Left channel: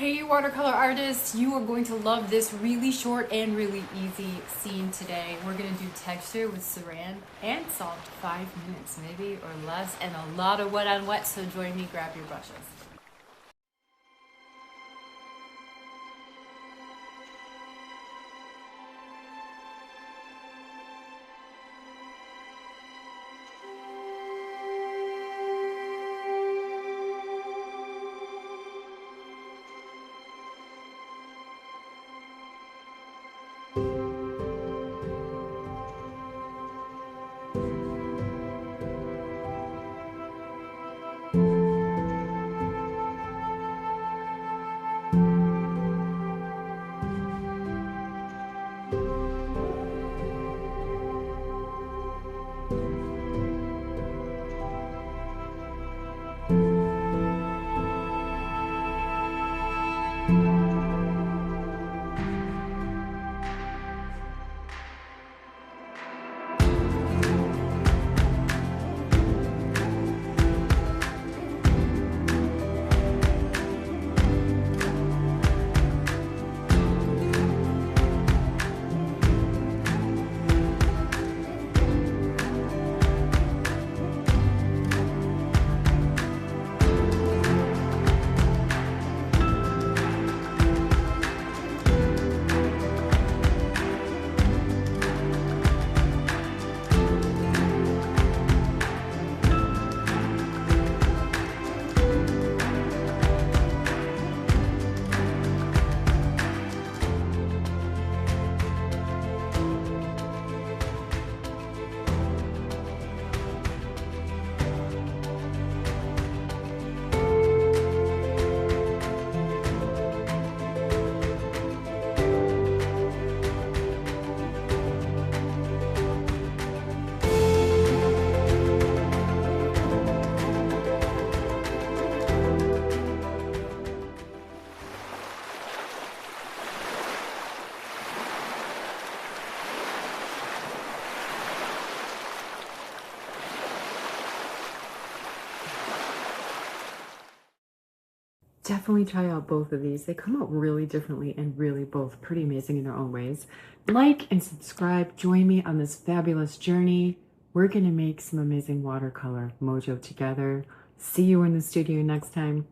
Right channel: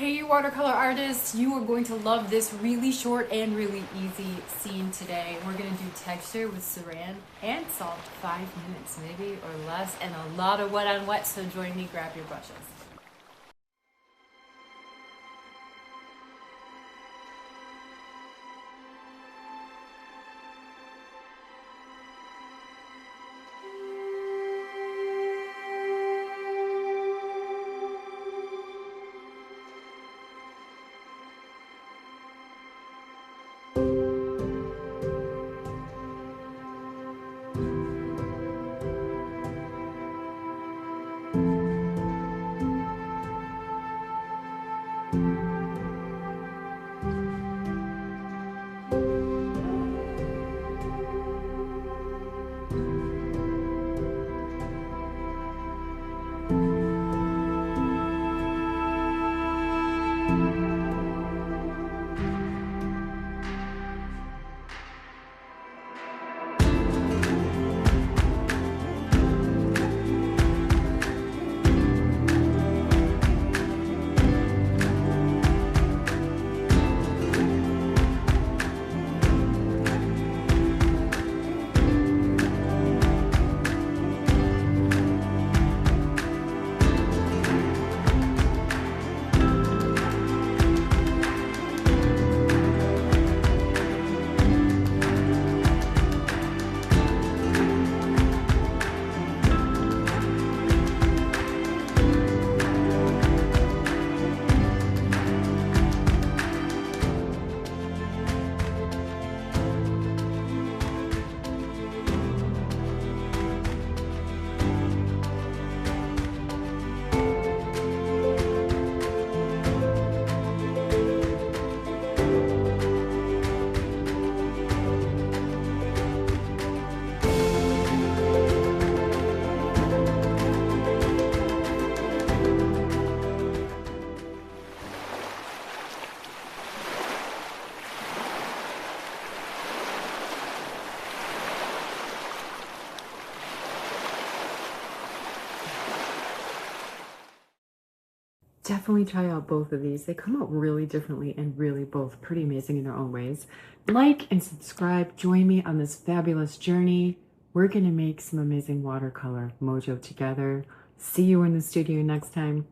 Hey, you watercolor artists, you are going to love this really short and really easy scene today. We're going to do texture with Saran and salt, 5 minutes maybe or less, and a lot of wet on wet, so join me, grab your brushes. Definitely try out both of these. They come out really differently and really both pretty amazing in their own ways. Like and subscribe. Join me on this fabulous journey. We're going to make some amazing watercolor mojo together. See you in the studio next time.